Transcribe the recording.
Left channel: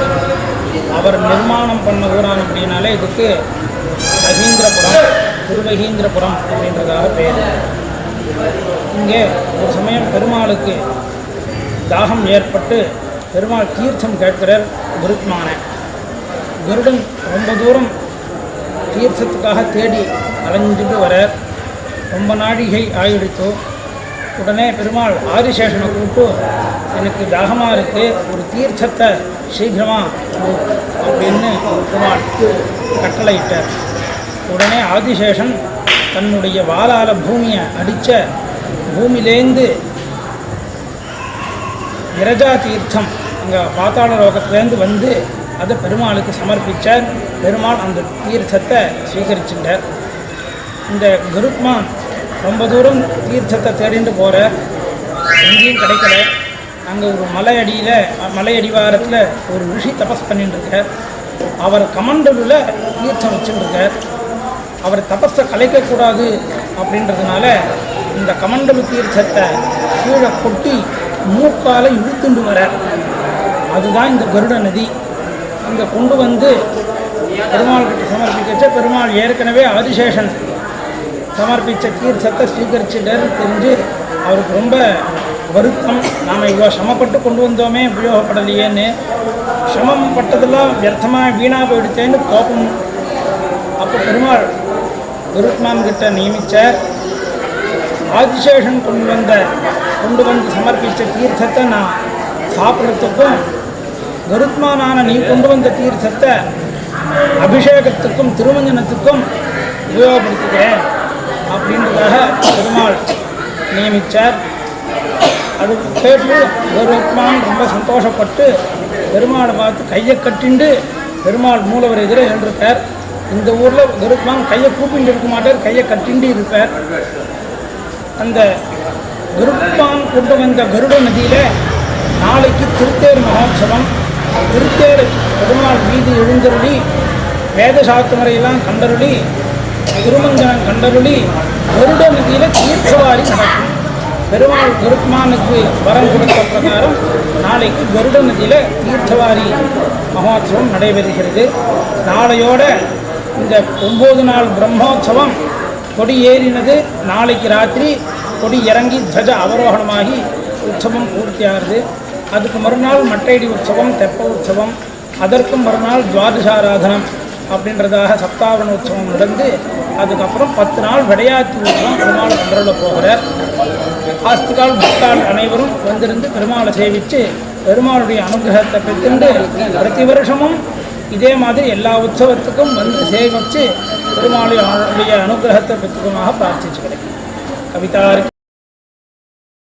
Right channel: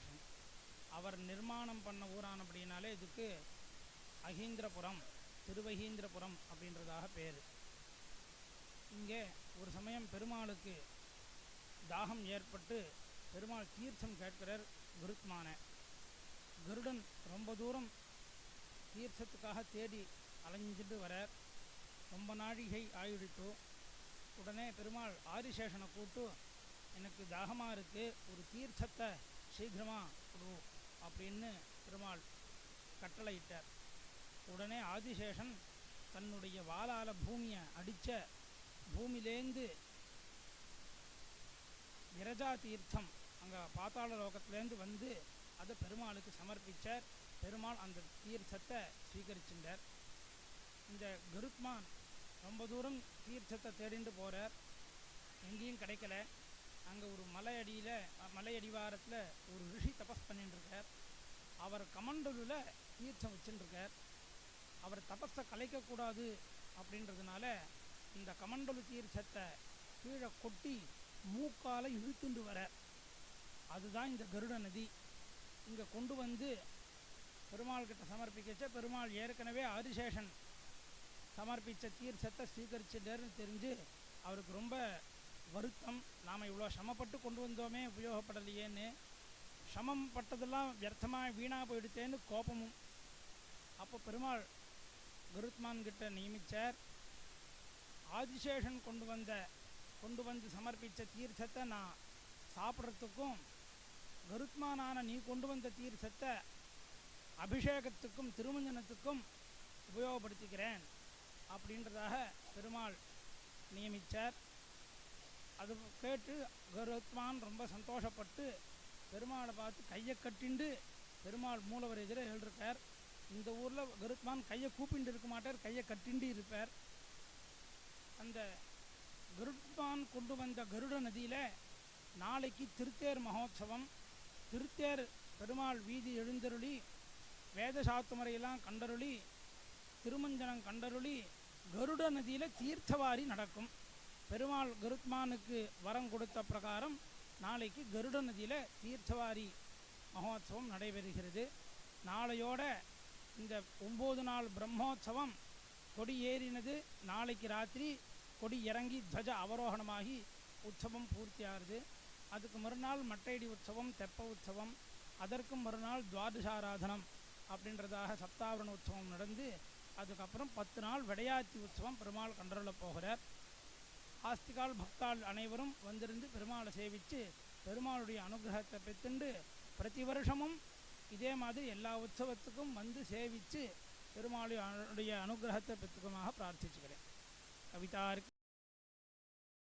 இருக்கார். அவர் நிர்மாணம் பண்ண ஊரான் அப்படின்னாலே இதுக்கு மகீந்திரபுரம், திருமகீந்திரபுரம் அப்படின்றதாக பேர். இங்கே ஒரு சமயம் பெருமாளுக்கு தாகம் ஏற்பட்டு பெருமாள் தீர்த்தம் கேட்கிறார் குருத்மான. கருடன் ரொம்ப தூரம் தீர்த்தத்துக்காக தேடி அலைஞ்சிட்டு வர ரொம்ப நாழிகை ஆயிடுத்தோ. உடனே பெருமாள் ஆதிசேஷனை கூப்பிட்டு, எனக்கு தாகமாக இருக்குது, ஒரு தீர்த்தத்தை சீக்கிரமாக அப்படின்னு பெருமாள் கட்டளையிட்டார். உடனே ஆதிசேஷன் தன்னுடைய வாளால் பூமியை அடித்த பூமியிலேந்து விரஜா தீர்த்தம் அங்கே பாத்தாள லோகத்திலேருந்து வந்து அதை பெருமாளுக்கு சமர்ப்பித்தார். பெருமாள் அந்த தீர்த்தத்தை ஸ்வீகரிச்சுட்டார். இந்த கருத்மான் ரொம்ப தூரம் தீர்த்தத்தை தேடிட்டு போகிற, எங்கேயும் கிடைக்கல. அங்கே ஒரு மலை அடிவாரத்தில் ஒரு ரிஷி தபஸ் பண்ணிட்டுருக்கார். அவர் கமண்டலில் தீர்த்தம் வச்சுட்டுருக்கார். அவர் தபஸை கலைக்கக்கூடாது அப்படின்றதுனால இந்த கமண்டலு தீர்த்தத்தை கீழே கொட்டி மூக்கால் இழுத்துண்டு வர, அதுதான் இந்த கருட நதி. இங்கே கொண்டு வந்து பெருமாள்கிட்ட சமர்ப்பிக்கச்ச பெருமாள் ஏற்கனவே ஆதிசேஷன் சமர்ப்பித்த தீர்த்தத்தை ஸ்வீகரிச்சுட்டார்னு தெரிஞ்சு அவருக்கு ரொம்ப வருத்தம். நாம் இவ்வளோ சிரமப்பட்டு கொண்டு வந்தோமே, உபயோகப்படலையேன்னு, சிரமம் பட்டதெல்லாம் வியர்த்தமாக வீணாக போயிடுத்தேன்னு கோபம். அப்போ பெருமாள் கருத்மான் கிட்ட நியமித்தார். ஆதிசேஷன் கொண்டு வந்து சமர்ப்பித்த தீர்த்தத்தை நான் சாப்பிட்றதுக்கும், கருத்மானான நீ கொண்டு வந்த தீர்த்தத்தை அபிஷேகத்துக்கும் திருமஞ்சனத்துக்கும் உபயோகப்படுத்துகிறேன் அப்படின்றதாக பெருமாள் நியமித்தார். அது கேட்டு கருத்மான் ரொம்ப சந்தோஷப்பட்டு பெருமாளை பார்த்து கையை கட்டிண்டு பெருமாள் மூலவர் எதிர எழுந்திருக்கார். இந்த ஊரில் கருத்மான் கையை கூப்பிட்டு இருக்க மாட்டார், கையை கட்டிண்டு இருப்பார். அந்த கருத்மான் கொண்டு வந்த கருட நதியில் நாளைக்கு திருத்தேர் மகோத்சவம். திருத்தேர் பெருமாள் மீது எழுந்தருளி வேதசாஸ்திரமுறையெல்லாம் கண்டருளி திருமஞ்சனம் கண்டருளி கருட நதியில் தீர்த்தவாரி நடக்கும். பெருமாள் கருத்மானுக்கு வரம் கொடுத்த பிரகாரம் நாளைக்கு கருட நதியில் தீர்த்தவாரி மகோத்சவம் நடைபெறுகிறது. நாளையோட இந்த 9 நாள் பிரம்மோற்சவம் கொடி ஏறினது. நாளைக்கு ராத்திரி கொடி இறங்கி துவஜ அவரோகணமாகி உற்சவம் பூர்த்தியாகிறது. அதுக்கு மறுநாள் மட்டையடி உற்சவம், தெப்ப உற்சவம், அதற்கும் மறுநாள் துவாதசாராதனம் அப்படின்றதாக சப்தாவன உற்சவம் நடந்து அதுக்கப்புறம் 10 நாள் விடையாத்தி உற்சவம் பெருமாள் கண்டருள போகிறார். ஆஸ்திகால் பக்தாள் அனைவரும் வந்திருந்து பெருமாளை சேவித்து பெருமாளுடைய அனுகிரகத்தை பெற்றுண்டு பிரதி வருஷமும் இதே மாதிரி எல்லா உற்சவத்துக்கும் வந்து சேவித்து பெருமாளுடைய அனுகிரகத்தை பெற்றுக்குமாக பிரார்த்திச்சுக்கிறேன். கவிதா